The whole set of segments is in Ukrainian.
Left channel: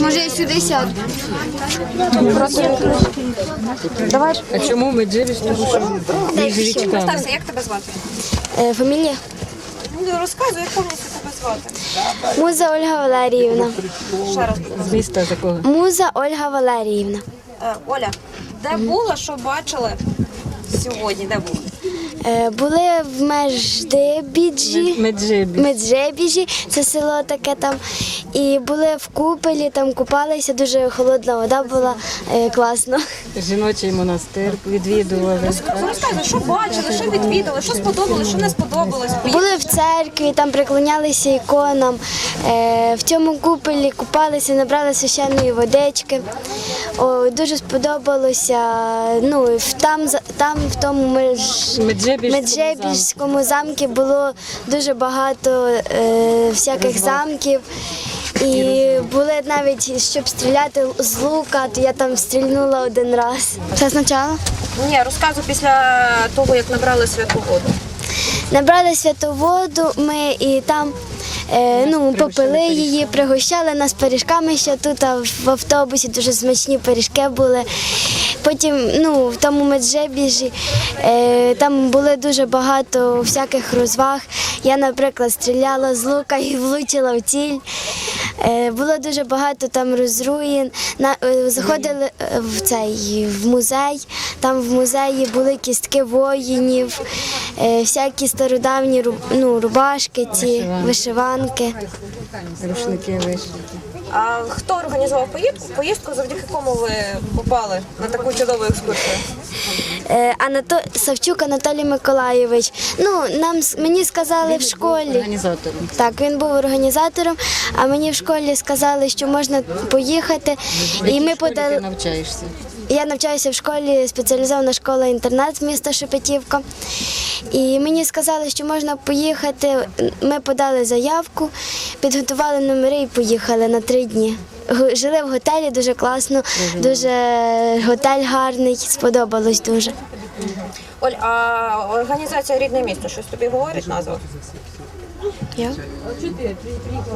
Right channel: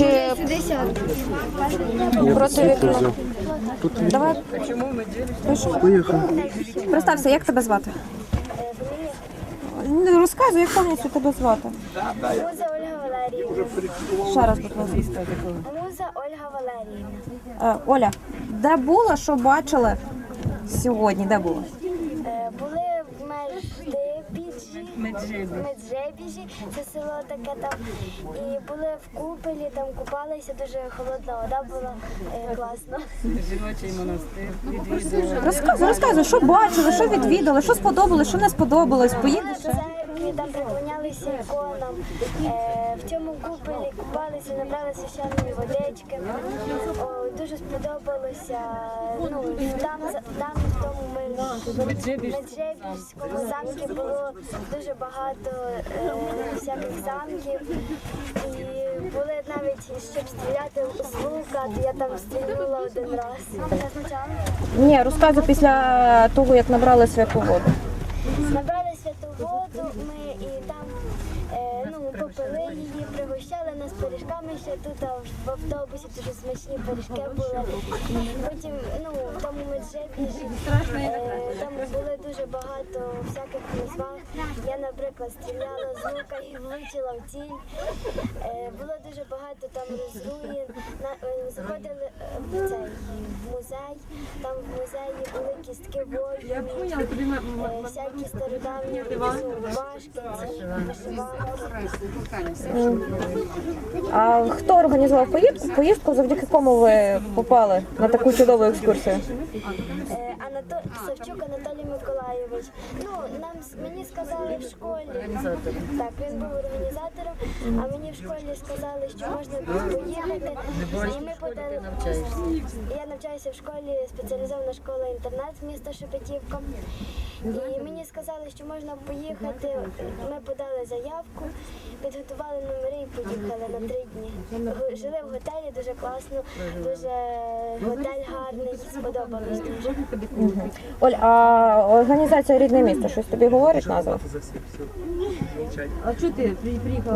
Може, я сюди сяду? Проти вікна. Давай. А чому ми джириш? Представся, як тебе звати? Е, фамілія? Ну, розказуй, як повністю тебе звати. Муза Ольга Валеріївна. Ще раз, будь ласка. Міста такого. Муза Ольга Валеріївна. Е, Оля, де була, що бачили сьогодні? Де були? Е, були в Междебіджі. Меджибі. Меджебіжі, це село таке там. І були в купелі, там купалися, дуже холодна вода була, е, класно. Жіночий монастир відвідували. Розказуй, що бачили, що відвідали, що сподобалось, що не сподобалось. Були в церкві, там приклонялися іконам. Е, в цьому купелі купалися, набрали священної водички. О, дуже сподобалося. Ну, в- там, за- там в тому меж... Меджибіжському замку було дуже багато е, всяких замків. І були навіть, щоб стріляти з лука, то я там стрільнула один раз. Це спочатку? Ні, розказуй після того, як набрали святу воду. Набрали святу воду, ми і там ну, попили її, пригощали нас пиріжками ще тут а в автобусі дуже смачні пиріжки були. Потім ну, в тому меджибіжі е, там були дуже багато всяких розваг. Я, наприклад, стріляла з лука і влучила в ціль. Е, було дуже багато там розруїн. Е, заходили е, в цей в музей. Там в музеї були кістки воїнів, е, всякі стародавні ну, рубашки, ці вишиванки. Рушники вийшли. А хто організував поїздку? Поїздку, завдяки кому ви попали на таку чудову екскурсію? Е, Анато... Савчук Анатолій Миколайович. Ну, нам мені сказали в школі. Так, він був організатором, а мені в школі сказали, що можна поїхати. І ми подали. навчаєшся. Я навчаюся в школі спеціалізована школа інтернат міста Шепетівка. І мені сказали, що можна поїхати. Ми подали заявку, підготували номери і поїхали на три дні. Жили в готелі дуже класно, дуже готель гарний, сподобалось дуже. Оль, а організація рідне місто, щось тобі говорить назва?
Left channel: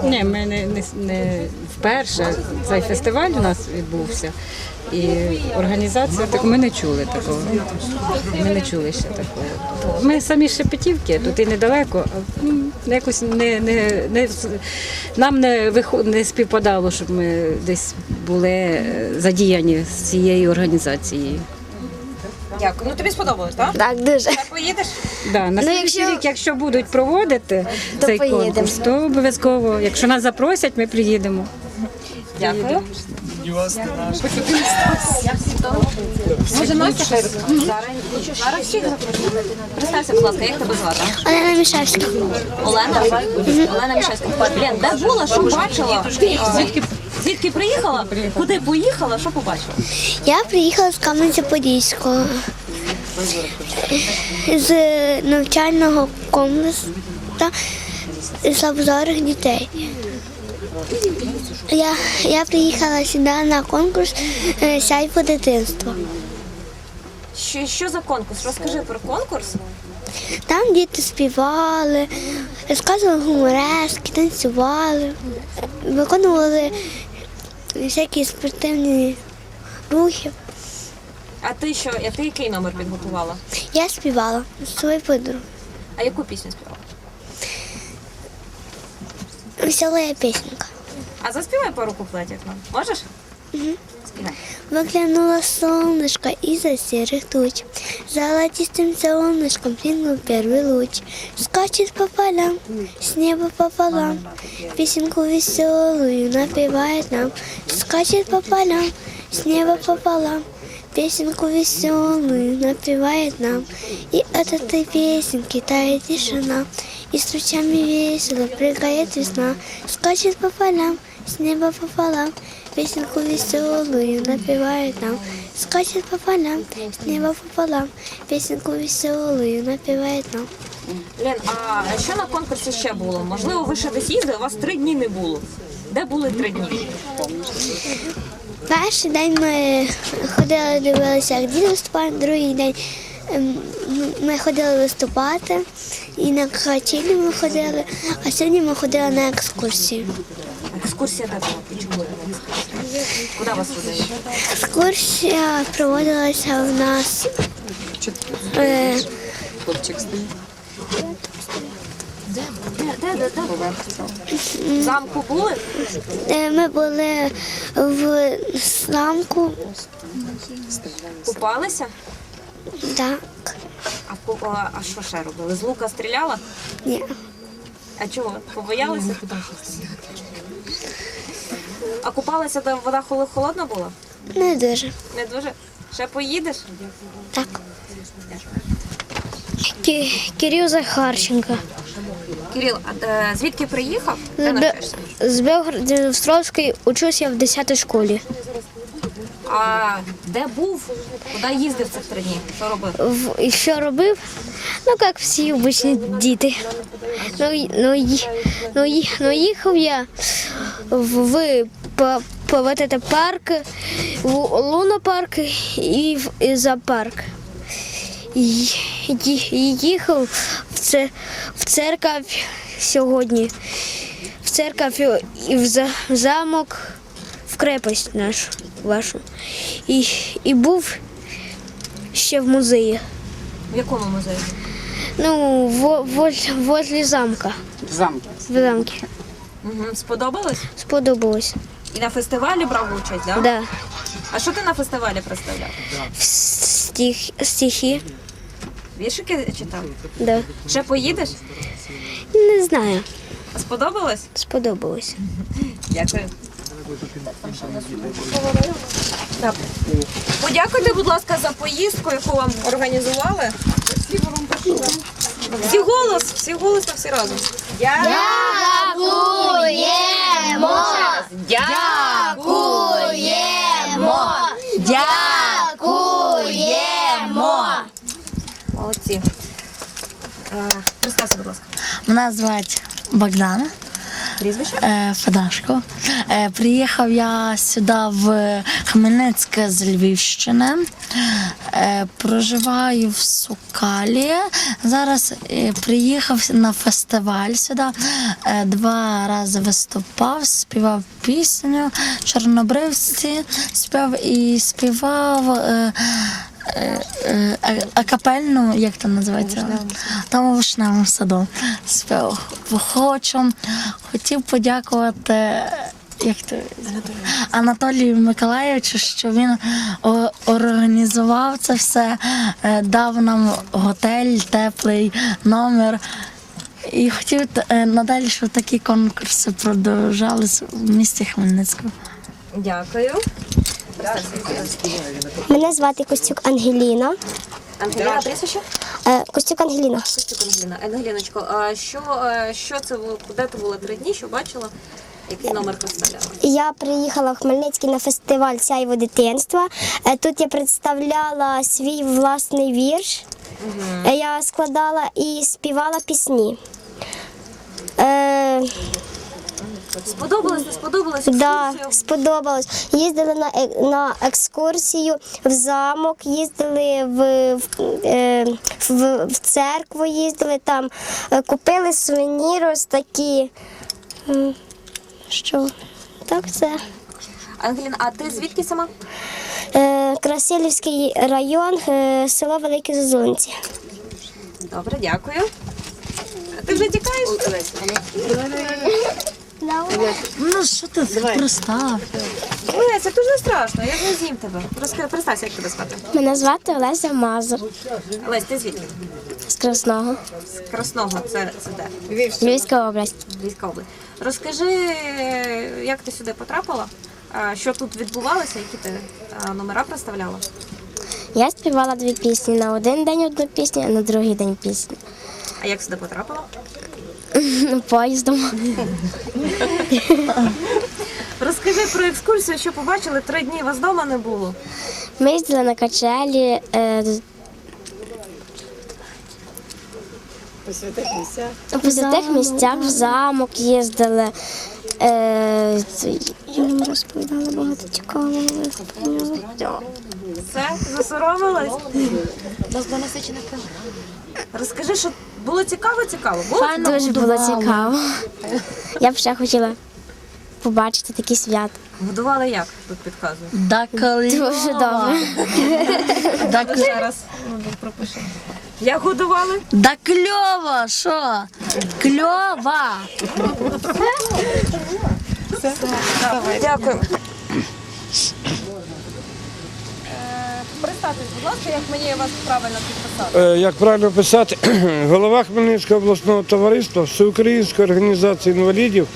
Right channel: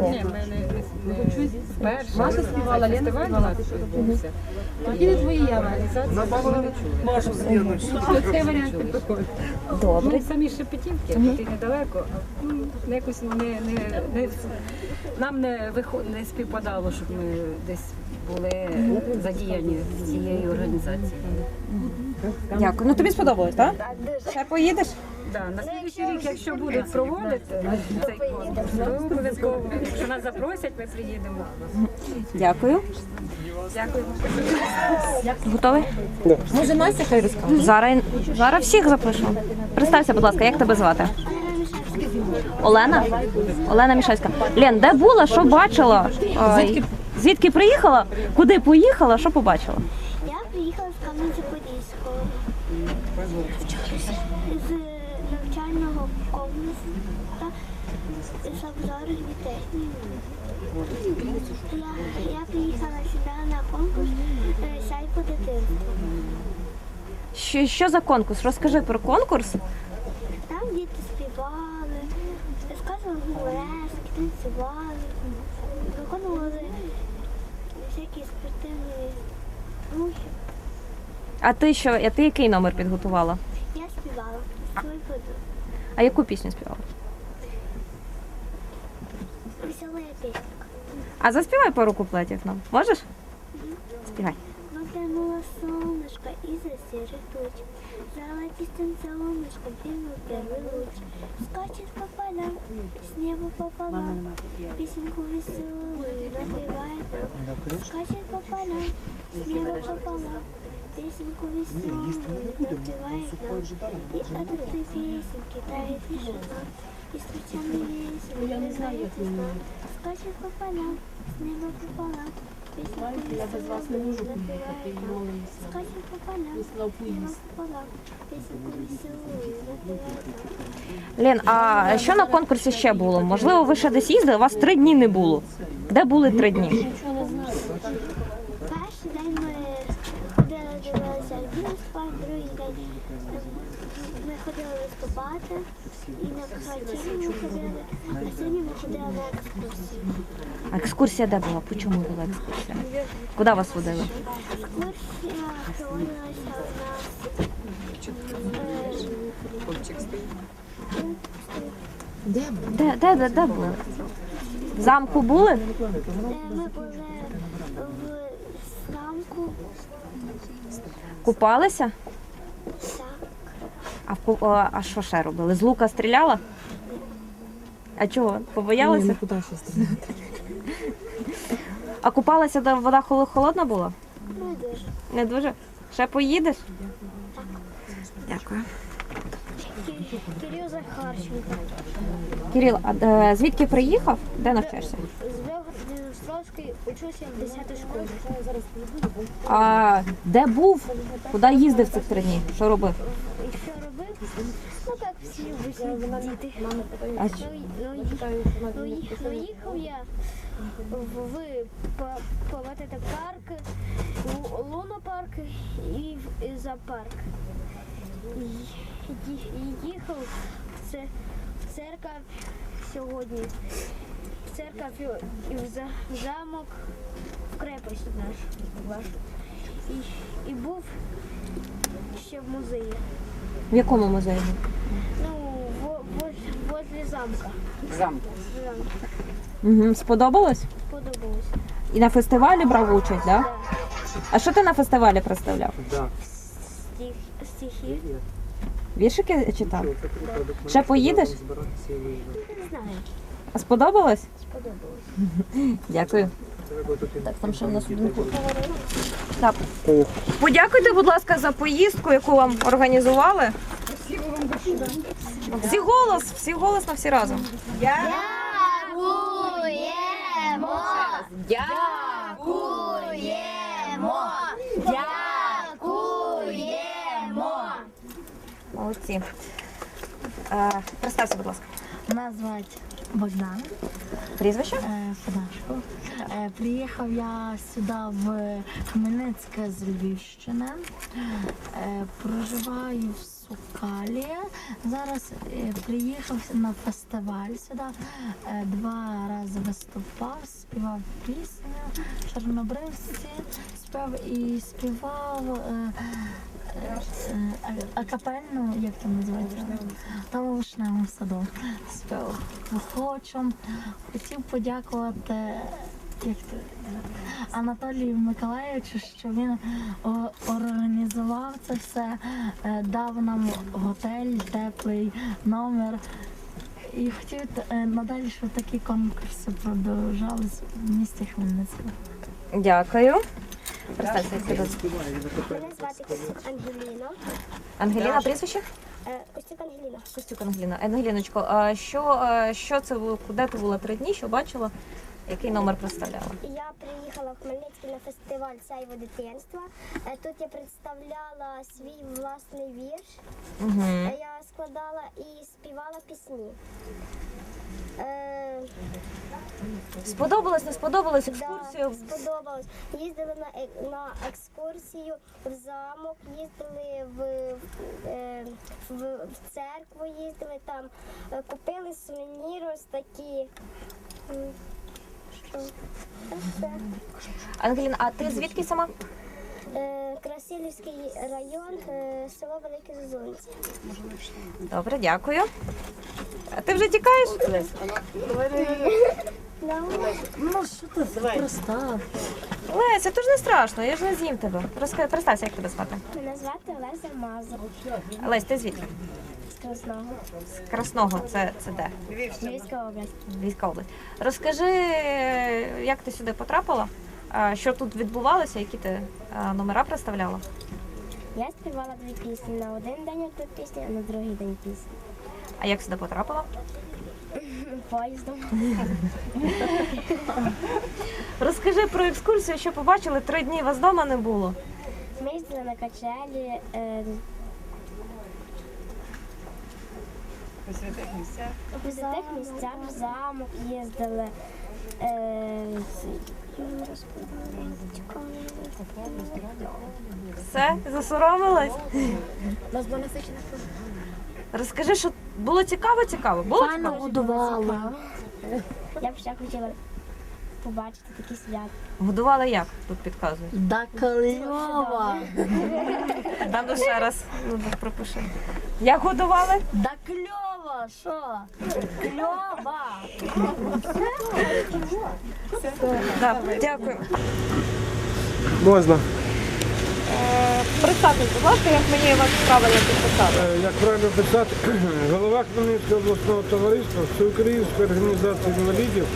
Ні, ми не, не, не вперше цей фестиваль у нас відбувся. І організація, так ми не чули такого. Ми не чули ще такого. Ми самі Шепетівки, тут і недалеко. ну, Якось не, не, не, нам не, виход, не співпадало, щоб ми десь були е, задіяні з цією організацією. Дякую. Ну тобі сподобалось, так? Так, дуже. Поїдеш? Да, на Ну, якщо- рік, якщо будуть проводити То цей поїдемо. конкурс, то обов'язково. Якщо нас запросять, ми приїдемо. Дякую. Готовий? Може, Настя хай розкаже? Зараз, зараз всіх запрошуємо. Представся, будь ласка, як тебе звати? Олена Мішевська. Олена? Олена Мішевська. Лен, де була, що бачила? Звідки, звідки приїхала? Куди поїхала, що побачила? Я приїхала з Кам'янця-Подільського з навчального комплексу слабозорих дітей. Я, я приїхала сюди на конкурс е, «Сяй по дитинству». Що, що за конкурс? Розкажи про конкурс. Там діти співали, розказували гуморески, танцювали, виконували всякі спортивні рухи. А ти що? А ти який номер підготувала? Я співала з своєю подругою. А яку пісню співала? Весела пісенька. А заспівай пару куплетів нам. Можеш? Выглянуло солнышко из-за серых туч. Золотистым солнышком плюнул первый луч. Скачет по полям, с неба пополам. Песенку веселую напевает нам. Скачет по полям, с неба пополам. Песенку веселую напевает нам. И от этой песенки тает тишина. И с лучами весело прыгает весна. Скачет по полям, с неба пополам. Песенку веселую напевает нам. Скачет по полям, с неба пополам. Песенку веселую напевает нам. Лен, а що на конкурсі ще було? Можливо, ви ще десь їздили, у вас три дні не було. Де були три дні? Перший день ми ходили, дивилися, як діти виступають, другий день ем, ми ходили виступати, і на качелі ми ходили, а сьогодні ми ходили на екскурсію. Екскурсія де була? Чому була екскурсія? Куди вас водили? Екскурсія проводилася в нас. Е, Де, де, де, де була? В замку були? де ми були в замку. Купалися? Так. А, в ку- а, а що ще робили? З лука стріляла? Ні. А чого? Побоялися? А купалася, де вода холодна була? Не дуже. Не дуже. Ще поїдеш? Так. Дякую. Кирил Захарченко. Кирил, а де- звідки приїхав? Де навчаєшся? З Белгород-Дністровської учусь я в 10 школі. А де був? Куди їздив цих три дні? Що робив? В, і що робив? Ну, як всі обичні діти. Ну, й- ну, й- ну, й- ну їхав я в, в по, по парк, лунопарк і в зоопарк. Їхав в, це, в церкву сьогодні. В церкву і в, замок, в крепость нашу вашу. І, і був ще в музеї. В якому музеї? Ну, во, возле, возле замка. Замки. В замке. Угу. Сподобалось? Сподобалось. І на фестивалі брав участь, да? Да. А що ти на фестивалі представляв? Стих, стихи. Віршики читав? Да. Ще поїдеш? Не знаю. А сподобалось? Сподобалось. Дякую. Так. Подякуйте, будь ласка, за поїздку, яку вам організували. Всі голос, всі голосно, всі разом. Молодці. Е, представся, будь ласка. Мене звати Богдан Прізвище? е, Федашко. Е, Приїхав я сюди в Хмельницьке з Львівщини. Е, Проживаю в Сукалі. Зараз е, приїхав на фестиваль сюди. Е, Два рази виступав, співав пісню Чорнобривці, співав і співав. е, е, е, а- акапельну, як це називається? Там у вишневому саду спів. Хочу. Хотів подякувати. Як то Анатолію Миколаївичу, що він організував це все, е, дав нам готель, теплий номер. І хотів е, надалі, щоб такі конкурси продовжались в місті Хмельницькому. Дякую. Мене звати Костюк Ангеліна. Ангеліна, прізвище? Е, Костюк Ангеліна. Костюк Ангеліна. Ангеліночко, а що, е, що це було? Де ти була три дні? Що бачила? Який номер представляла? Я приїхала в Хмельницький на фестиваль Сяйво дитинства. Е, Тут я представляла свій власний вірш. Е, Я складала і співала пісні. Е, Сподобалось, не сподобалось? Да, сподобалось. Їздили на, е- на екскурсію в замок, їздили в, в, е, в, в церкву, їздили там, е, купили сувеніри ось такі. М, Що? Так, все. Ангеліна, а ти звідки сама? Е, Красилівський район, е, село Великі Зозунці. Добре, дякую. А ти вже тікаєш? Ну що ти пристав? Леся, то ж не страшно, я ж не з'їм тебе. Розкажи, представся, як тебе звати. Мене звати Олеся Мазур Лесь, ти звідки? з Красного, З Красного, це, це де? Львівська область. Львівська область. Розкажи, як ти сюди потрапила? Що тут відбувалося, які ти номера представляла? Я співала дві пісні. На один день одну пісню, а на другий день пісню. А як сюди потрапила? Поїздом. Розкажи про екскурсію, що побачили, три дні вас вдома не було. Ми їздили на качелі. Е, по святих місцях в замок їздили. Е, я вам розповідала багато цікавого. Все, засоромилась? Розкажи, що було цікаво, цікаво. Було? Дуже було цікаво. Я б ще хотіла побачити такі свята. Годували як? Тут підказую. Да Дуже добре. Да, Ще раз пропиши. Як годували? да кльово, що? Кльово. Дякую. Можна. Представтесь, будь ласка, як мені вас правильно підписати. Е, Як правильно писати, голова Хмельницького обласного товариства, Всеукраїнської організації інвалідів,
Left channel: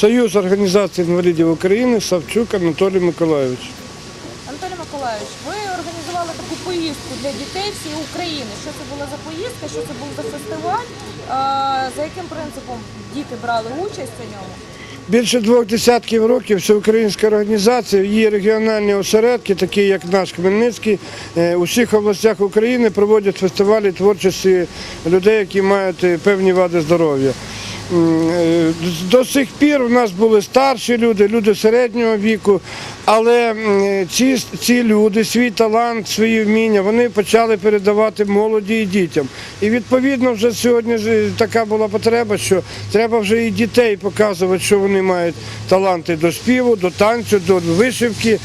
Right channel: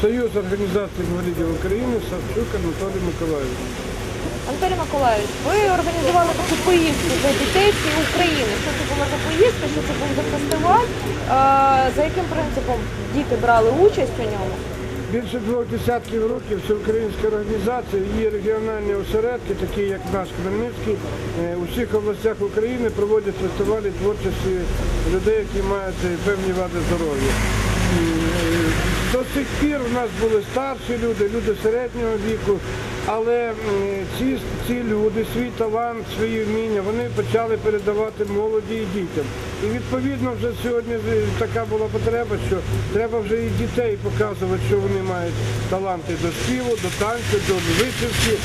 Союз організацій інвалідів України Савчук Анатолій Миколайович. Анатолій Миколаївич, ви організували таку поїздку для дітей всієї України. Що це була за поїздка, що це був за фестиваль? Е, За яким принципом діти брали участь у ньому? Більше двох десятків років всеукраїнська організація, її регіональні осередки, такі як наш Хмельницький, е, у всіх областях України проводять фестивалі творчості людей, які мають е, певні вади здоров'я. Е, До сих пір у нас були старші люди, люди середнього віку, але ці, ці люди, свій талант, свої вміння, вони почали передавати молоді і дітям. І відповідно вже сьогодні така була потреба, що треба вже і дітей показувати, що вони мають таланти до співу, до танцю, до вишивки,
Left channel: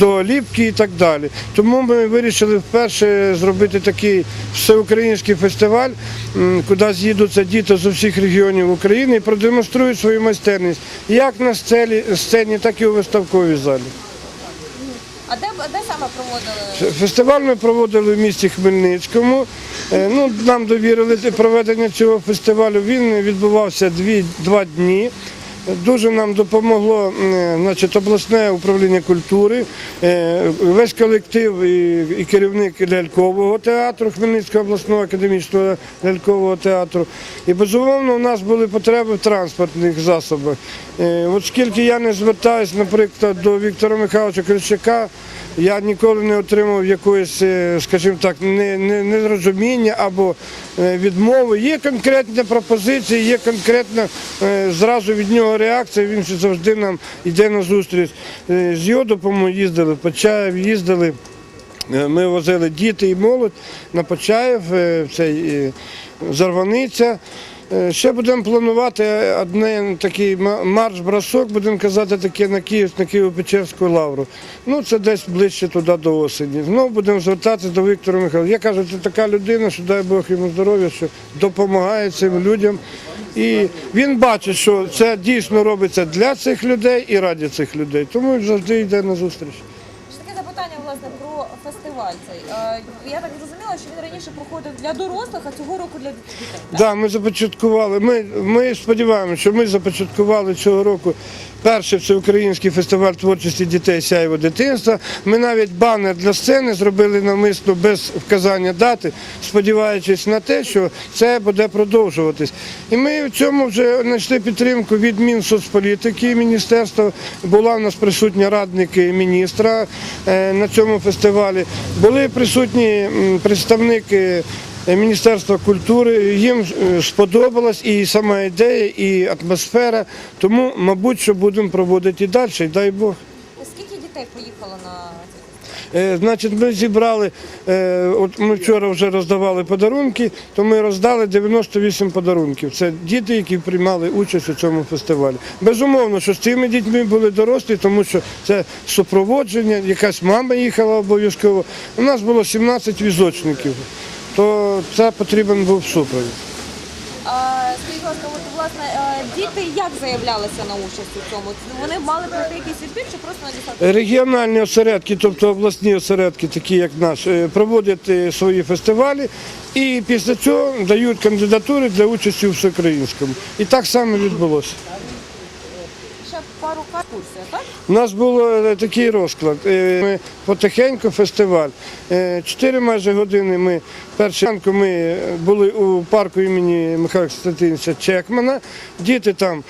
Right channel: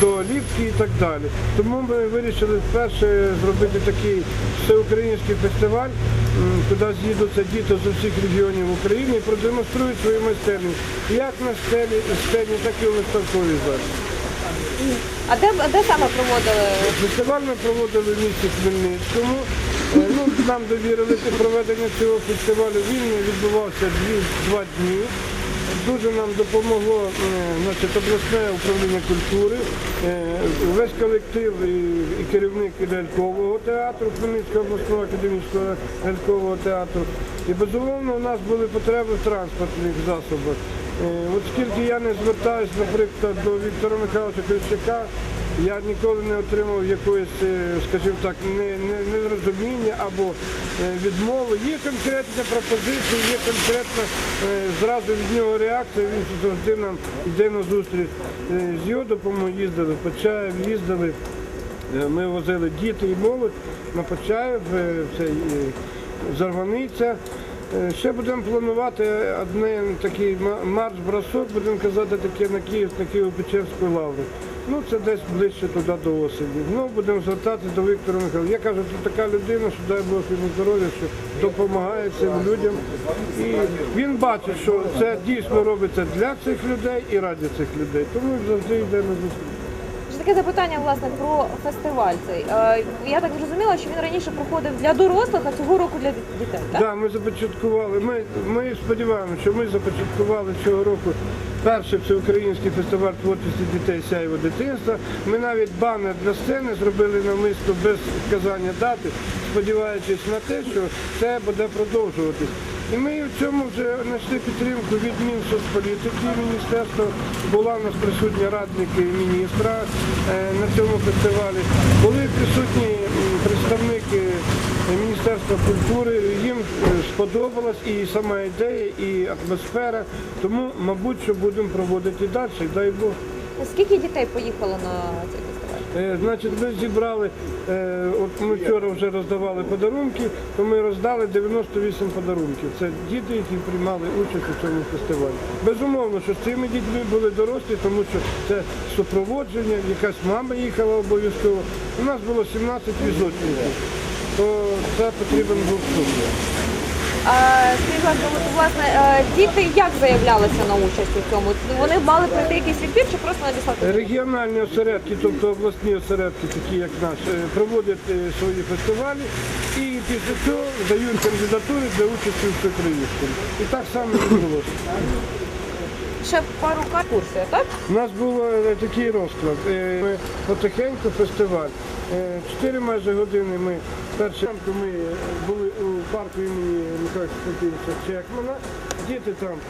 до ліпки і так далі. Тому ми вирішили вперше зробити такий всеукраїнський фестиваль, куди з'їдуться діти з усіх регіонів України і продемонструють свою майстерність як на сцені так і у виставковій залі. А де, де саме проводили? Фестиваль ми проводили в місті Хмельницькому. Е, Ну, нам довірили проведення цього фестивалю. Він відбувався дві, два дні. Дуже нам допомогло е, значить, обласне управління культури, е, весь колектив і, керівник лялькового театру Хмельницького обласного академічного лялькового театру. І безумовно у нас були потреби в транспортних засобах. Оскільки От скільки я не звертаюся, наприклад, до Віктора Михайловича Кричака, я ніколи не отримав якоїсь, е, скажімо так, не- не- нерозуміння або е, відмови. Є конкретні пропозиції, є конкретна е, зразу від нього реакція. Він завжди нам йде на зустріч. З його допомогою їздили в Почаїв, їздили. Ми возили діти і молодь на Почаїв, в цей е, Зарваниця. Е, Ще будемо планувати одне такий марш-бросок, будемо казати таке на Київ, на Києво-Печерську лавру. Ну це десь ближче туди до осені. Знову будемо звертатися до Віктора Михайловича. Я кажу, це така людина, що дай Бог йому здоров'я, що допомагає цим людям. І він бачить, що це дійсно робиться для цих людей і раді цих людей. Тому він завжди йде на зустріч. Таке запитання власне про фестиваль цей. Е, Я так зрозуміла, що він раніше проходив для дорослих, а цього року для дітей. Так? да, ми започаткували. Ми, ми сподіваємося, що ми започаткували цього року перший всеукраїнський фестиваль творчості дітей сяйво дитинства. Ми навіть банер для сцени зробили навмисно без вказання дати, сподіваючись на те, що це буде продовжуватись. І ми в цьому вже знайшли підтримку від Мінсоцполітики, міністерства. Була у нас присутня радник міністра е, на цьому фестивалі. Були присутні представники Міністерства культури. Їм е, сподобалась і сама ідея, і атмосфера. Тому, мабуть, що будемо проводити і далі, дай Бог. Скільки дітей поїхало на цей фестиваль? Е, Значить, ми зібрали, е, от ми вчора вже роздавали подарунки, то ми роздали 98 подарунків. Це діти, які приймали участь у цьому фестивалі. Безумовно, що з цими дітьми були дорослі, тому що це супроводження, якась мама їхала обов'язково. У нас було 17 візочників, то це потрібен був супровід. А скажіть, будь ласка, от, власне, е, діти як заявлялися на участь у цьому? Вони мали пройти якийсь відбір чи просто надіслати? Регіональні осередки, тобто обласні осередки, такі як наш, е, проводять е, свої фестивалі і після цього дають кандидатури для участі у всеукраїнському. І так само відбулося. Ще пару курсів, так? У нас був е, такий розклад. Е, Ми потихеньку фестиваль. Е, Чотири майже години ми перші ранку ми були у парку імені Михайла Константиновича Чекмана. Діти там